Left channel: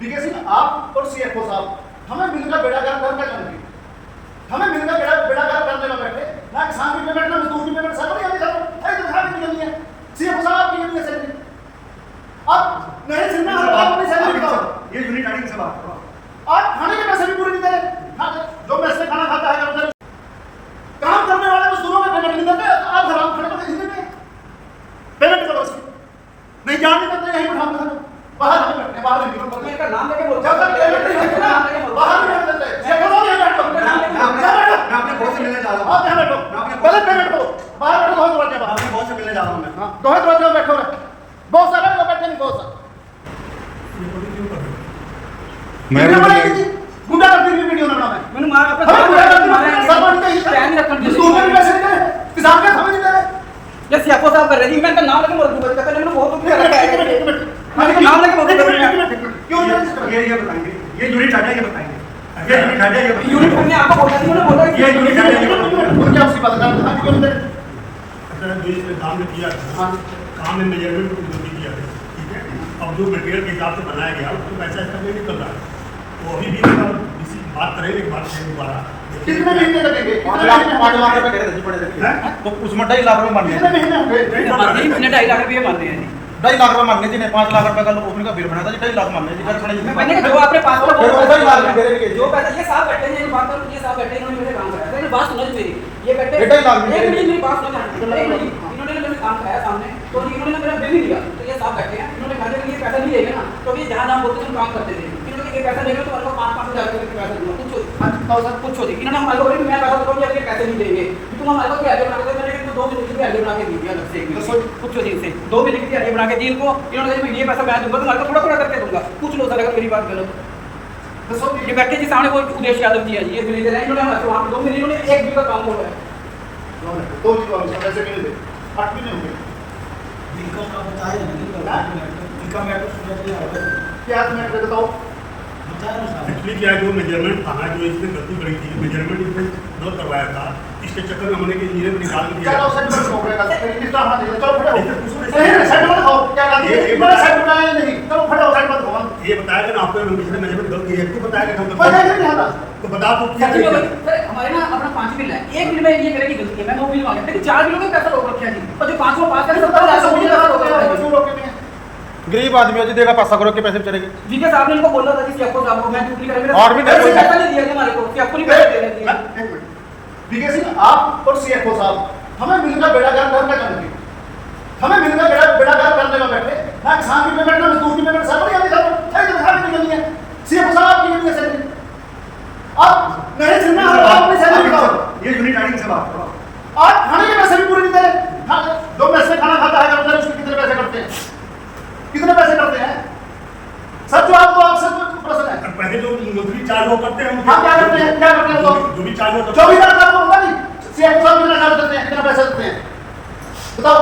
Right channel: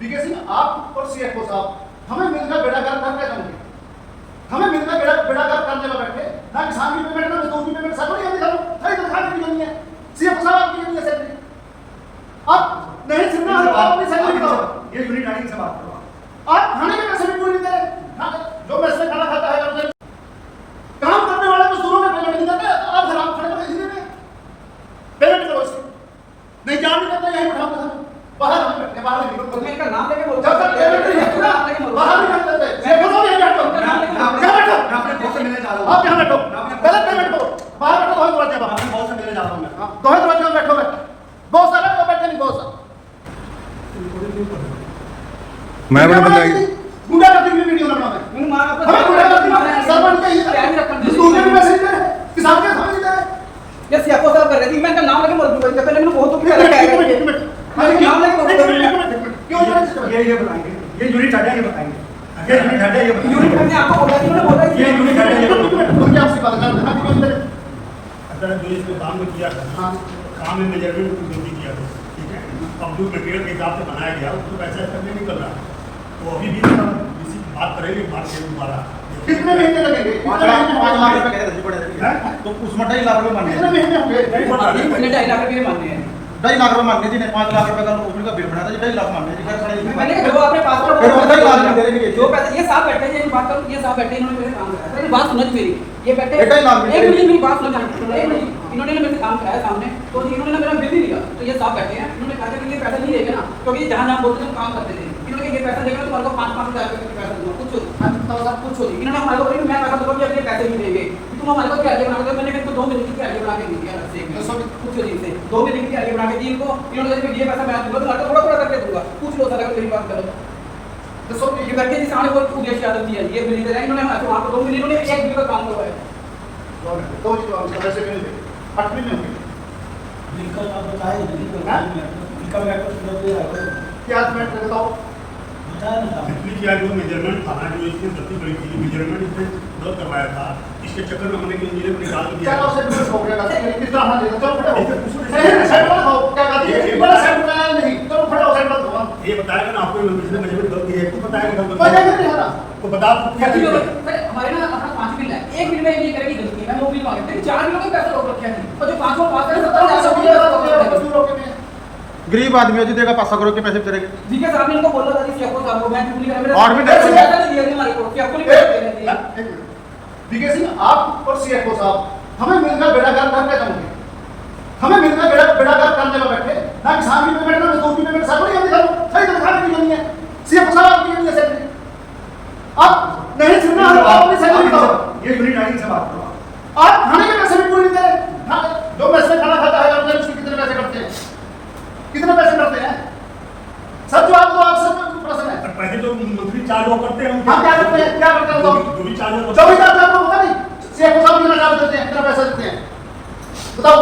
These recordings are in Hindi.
वीके सिंह, आप और सीएफओ साहब हमें मिलकर बेड़ागर कर क्या करेंगे? हमें मिलकर बेड़ागर करने में बैठे ना किसान की पेमेंट ना मजदूर की पेमेंट सब नहीं आती सब कई तनख्वाह भी नहीं है। सीएफओ साहब आपकी कितनी है सैलरी? आप नहीं सुनना है आप अपनी सैलरी बताओ। ये यूनिट आईडी से बात करो। आप खाने के पैसे भी पूरे नहीं दे रहे। जो मैस खाना खाता है अंदर काम करने वाले मजदूरों में पेमेंट नहीं देते, आप हराम खाने को भेज देते हैं। पेमेंट करो उसकी। नहीं जान नहीं करते यहीं बैठा हम बाहर हम बैठे बाहर निकलो तो इसका नाम लेके बोल जब तक पेमेंट नहीं है ना बाहर नहीं करते। ये बोलो ये बैठो क्या बैठो मैं अपने बॉस से मिलने जा रहा हूं। आप यहां बैठो पहले पेमेंट को बाहर बैठो दो दरवाजे मैं पर अपने बॉस से मिलने जा रहा हूं। मैं दो दरवाजे में बैठो बहुत सारा बैठे नहीं बहुत सारा मैं गुंडा करती हुई वीडियो ना बनावे मैंने मार अपना हमें गुंडा करती हुई सरपंच का ये प्लान रखना मजदूर के भी पैसे नहीं दे रहे, किसान के हमें नहीं दे रहे। ये सीएफओ साहब कर रहे थे, मैं इनका नाम लेके बोल कहते हैं बहुत कुछ क्या है मैं इनका नाम लेके बोल क्यों ये बताएंगे। ये यूनिट आईडी ये बताएंगे। ये यूनिट आईडी ये बताएंगे। यूनिट करने आपको बोला थी ना बोला ये यूनिट आईडी ये बताएंगे। उनकी आपसी बात करते हैं क्यों नहीं दे रहे? अगर देश में काम में किया था काम में मेजरमेंट को गलती किया था, ठीक है, अब जो मटेरियल के हिसाब से बनाया गया उसको पैसा इसका नहीं निकल रहा है। तो अभी भी इसी बात करेंगे दोबारा कितने महीने लगेंगे? 5 लाख रुपए कह रहे थे तो उसमें 2.5 लाख रुपए मांगने कितने महीने होंगे? इतने 2.5 लाख रुपए मानने हैं 2.5 लाख रुपए मांगने जी ने 5 लाख रुपए का उसने का बिल बनाया था जी 2.5 लाख मांगने जी कर नहीं। मैंने कहा जो आपने पास करा वो 2.5 लाख दे रहे जो पैसा ये साहब बैठे हैं बात करो, ये साहब बैठे इन्होंने मेरे काम कराया मेरी बात सुनो मेरी ये बैठे 2.5 लाख एक मिनट मेरी बात सुनो इन्होंने मेरे काम कराया सामने तो इन्होंने मेरा बिल नहीं लिया तो ये साहब बैठे हैं इन्होंने कहा कि ये पैसा नहीं लेंगे ना क्योंकि जहां नाम बोलते थे काम करते थे इन्होंने ये पैसा लेंगे तो उनको 5-5 हजार रुपए पैसा दूंगा कुछ होती इन्होंने हमारे को मैं कह रहा था कि पैसे नहीं देंगे तुम हमारे को क्या बना के मैंने तो 2 मिनट की आगे बना के दी दिया अलग से कुछ दिन से 2 मिनट की आगे बना के दी इनको इन्होंने कहा ये पैसा मैं दूंगा तुम्हारे को थोड़ा थोड़ा करके दूंगा पूछ लो सर अगर मेरी बात गलत हो तो ये बैठे जी सामने वो उदेश यादव जी है ये बिल दे रहे हैं इन्होंने हमारे वहां पे 2 मिनट इन्होंने एक बिल का काम हुआ है दो जी पैसे क्यों नहीं दे? 8 महीने होंगे इनका आप बताइए इनका मैटर सुनो क्या मिनट में बताओ? एक्चुअली क्या है जो मेजरमेंट था ना जो इसने गलती करी थी मेजरमेंट इसने गलत करवाया था इसके चक्कर में हमने इंजीनियर निकाल दिया। क्या सेट हो गया किस तरह हां चलो फटाओ नहीं सेट हो खाओ क्या कहते हैं बड़ा सेट बनाया नहीं चलो फटाओ सेट मत हो ये बताएगा ना आपने इसमें मेजरमेंट गलती है तू बताएगा गलती पता नहीं है ना तो बता तू क्या सर हमारे ना अपना 5 बिल है एक बिल में ये करे की गलती है मैं वो बिल मांगे लेकिन 4 बिलों का पैसा रोक रखा है और जो 5वां पास करे 70,000 गरीब आदमी है जी देगा 500 करोड़ के पैसे बेचारे वीके साहब ने इनको बोला था जी सीएफओ साहब को मैं ड्यूटी करा मेरा और भी पैसा नहीं दिया हमारे को सीएफओ नहीं पैसे दे रहे थे एक मिनट वीके सिंह, आप और सीएफओ साहब हमें मिलकर बेड़ागर कर क्या करेंगे? हमें मिलकर बेड़ागर करने में बैठे ना किसान की पेमेंट ना मजदूर की पेमेंट सब नहीं आती सब कई तनख्वाह भी नहीं है। सीएफओ साहब आपकी कितनी है सैलरी? आप नहीं सुनना है आप अपनी सैलरी बताओ। ये यूनिट आईडी से बात करो। आप खाने के पैसे भी पूरे नहीं दे रहे। जो मैस खाना खाता है अंदर उसके कितने पैसे कटते हैं? कितने पैसे करते हैं? सर जवाब तो आप सब प्रश्न है। पहले जो मंथली चार्ज वो करते हैं हम क्या करते हैं जो भी चार्ज वो 24,000 आपको पता नहीं सीएफओ साहब कितना चार्ज देते हैं कितना पैसा देते हैं बताओ?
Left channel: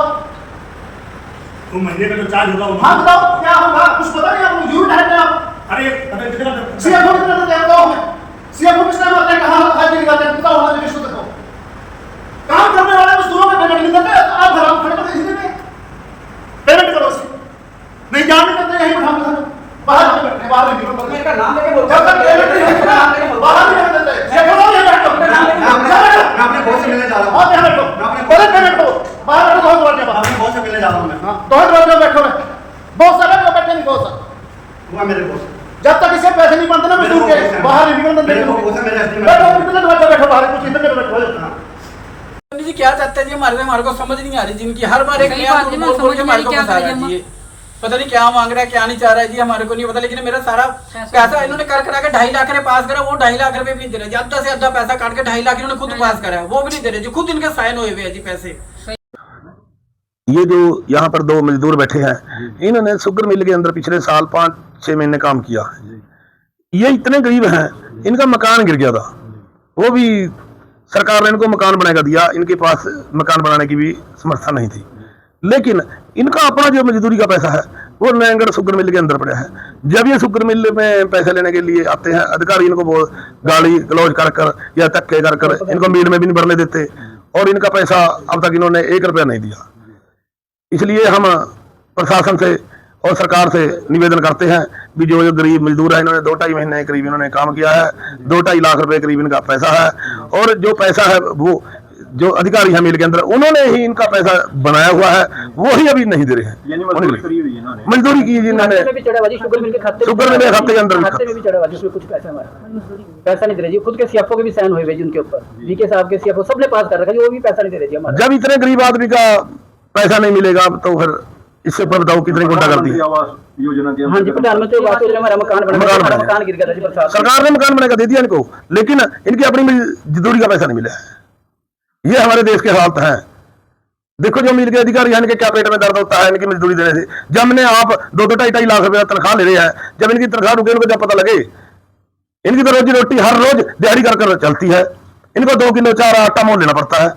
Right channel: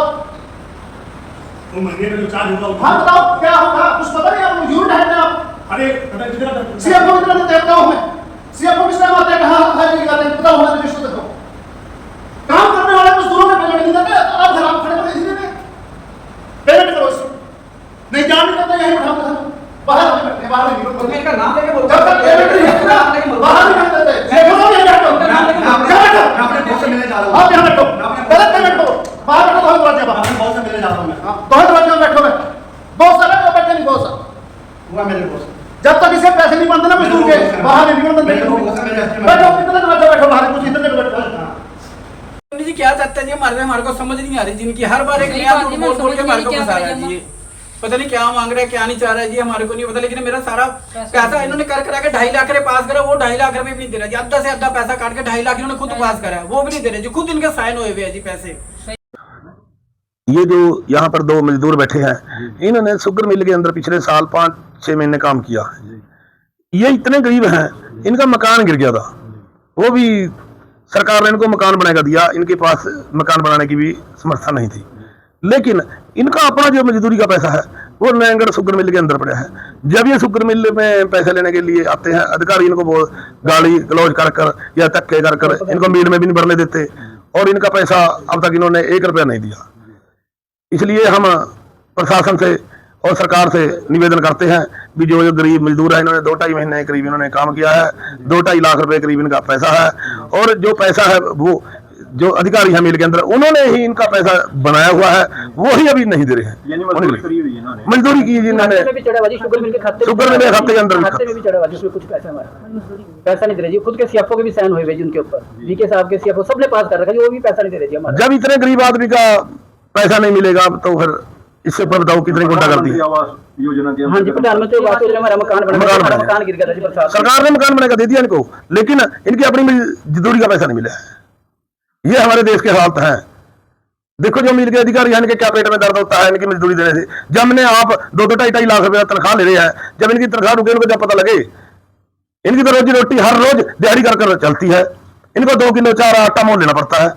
तो महीने का जो चार्ज होगा वो हाँ बताओ क्या होगा कुछ पता नहीं आप यूनिट है ना अरे पता कितना सीएफओ कितना देते हैं बताओ हमें सीएफओ किस टाइम आता है कहाँ हाजिरी लगाते हैं बताओ हमें लिस्ट दे दो। काम करने वाले मजदूरों में पेमेंट नहीं देते आप हराम खड़े को भेज देते हैं। पेमेंट करो उसकी नहीं जान नहीं करते यहीं बैठा हम बाहर हम बैठे बाहर निकलो तो इनका नाम लेके बोल जब तक पेमेंट नहीं है ना बाहर नहीं देते सीएफओ साहब ये बैठो मैं अपने बॉस से मिलने जा रहा हूं। आप यहाँ बैठो पहले पेमेंट दो बाहर बैठो दो दरवाजे पर अपने बॉस से मिलने जा रहा हूं। मैं दो दरवाजे में बैठो बहुत सारा बैठे नहीं बहुत सारा वो मेरे बॉस जब तक इसके पैसे नहीं बनते ना मजदूर के बाहर नहीं निकलते मेरे को बॉस है मेरे एसडी बैठो कितने दरवाजे बैठो बाहर कुछ इधर बैठो जी क्या चाहते हैं जी हमारे को समझ नहीं आ रही जिनकी हर बार एक नया बोल के हमारे को फंसा रहा है जी पता नहीं क्या मांग रहा है क्या नहीं चाह रहा है जी हमारे को नहीं पता लेकिन मेरा सारा पैसा इन्होंने कर करा के 2.5 लाख रुपए पास करा वो 2.5 लाख रुपए भी नहीं दे रहा जी आधा से आधा पैसा काट के 2.5 लाख इन्होंने खुद पास करा है वो भी नहीं दे रहे जी खुद इनके साइन हुए हुए हैं जी पैसे। ये जो यहाँ पर 2 मजदूर बैठे हैं इन्होंने शुगर मिल के अंदर पिछले साल 5-6 महीने काम किया। ये इतने गरीब हैं इनका मकान गिर गया था वो भी सरकार ने इनको मकान बनाकर दिया इनके पास मकान बनाने की भी समर्था नहीं थी लेकिन इनका अपना जो मजदूरी का पैसा है वो नयनगढ़ शुगर मिल के अंदर पड़ा है। जब ये शुगर मिल में पैसे लेने के लिए आते हैं अधिकारी इनको वो गाली गलौज कर कर या धक्के कर कर इनको मील में भी नहीं भरने देते और इनका पैसा अब तक इन्होंने 1 रुपया नहीं दिया। इसलिए हम प्रशासन से और सरकार से निवेदन करते हैं कि जो गरीब मजदूर है, इन्होंने 2-2.5 महीने करीब इन्होंने काम किया है, 2-2.5 लाख रुपए करीब इनका पैसा है, और जो पैसा है वो जो अधिकारी हैं मिल के अंदर उन्होंने ही इनका पैसा बनाया हुआ है, वो ही अभी नहीं दे रहे हैं। मजदूरी की जिन्होंने शुगर मिल के खाते के अंदर में भी चढ़ाबाजी, उसमें कुछ पैसा हमारा पैसा नहीं दे रहे जी। खुद के सीएफओ के भी साइन हुए जी उनके ऊपर, वीके साहब के सीएफओ सबने पास कर रखा है, वो भी पैसा नहीं दे रहे जी हमारा। जब इतने गरीब आदमी का पैसा नहीं मिलेगा तो फिर इससे ऊपर बताओ कितनी गुंडा करती है। हाँ जी, प्रधानमंत्री आवास योजना हमारा मकान गिर गया जी बरसात। सरकार ने मकान बनाकर दे दिया इनको, लेकिन इनकी अपनी मजदूरी का पैसा नहीं मिला है। ये हमारे देश के हालत हैं। देखो जो मिल के अधिकारी हैं, इनके क्या पेट में दर्द होता है इनकी मजदूरी देने से। जब हमने आप 2-2.5 लाख रुपया तनख्वाह ले रहे हैं, जब इनकी तनख्वाह रुके उनको जब पता लगे, इनकी तो रोजी रोटी हर रोज दिहाड़ी कर चलती है, इनको 2 किलो 4 आटा मोल लेना पड़ता है।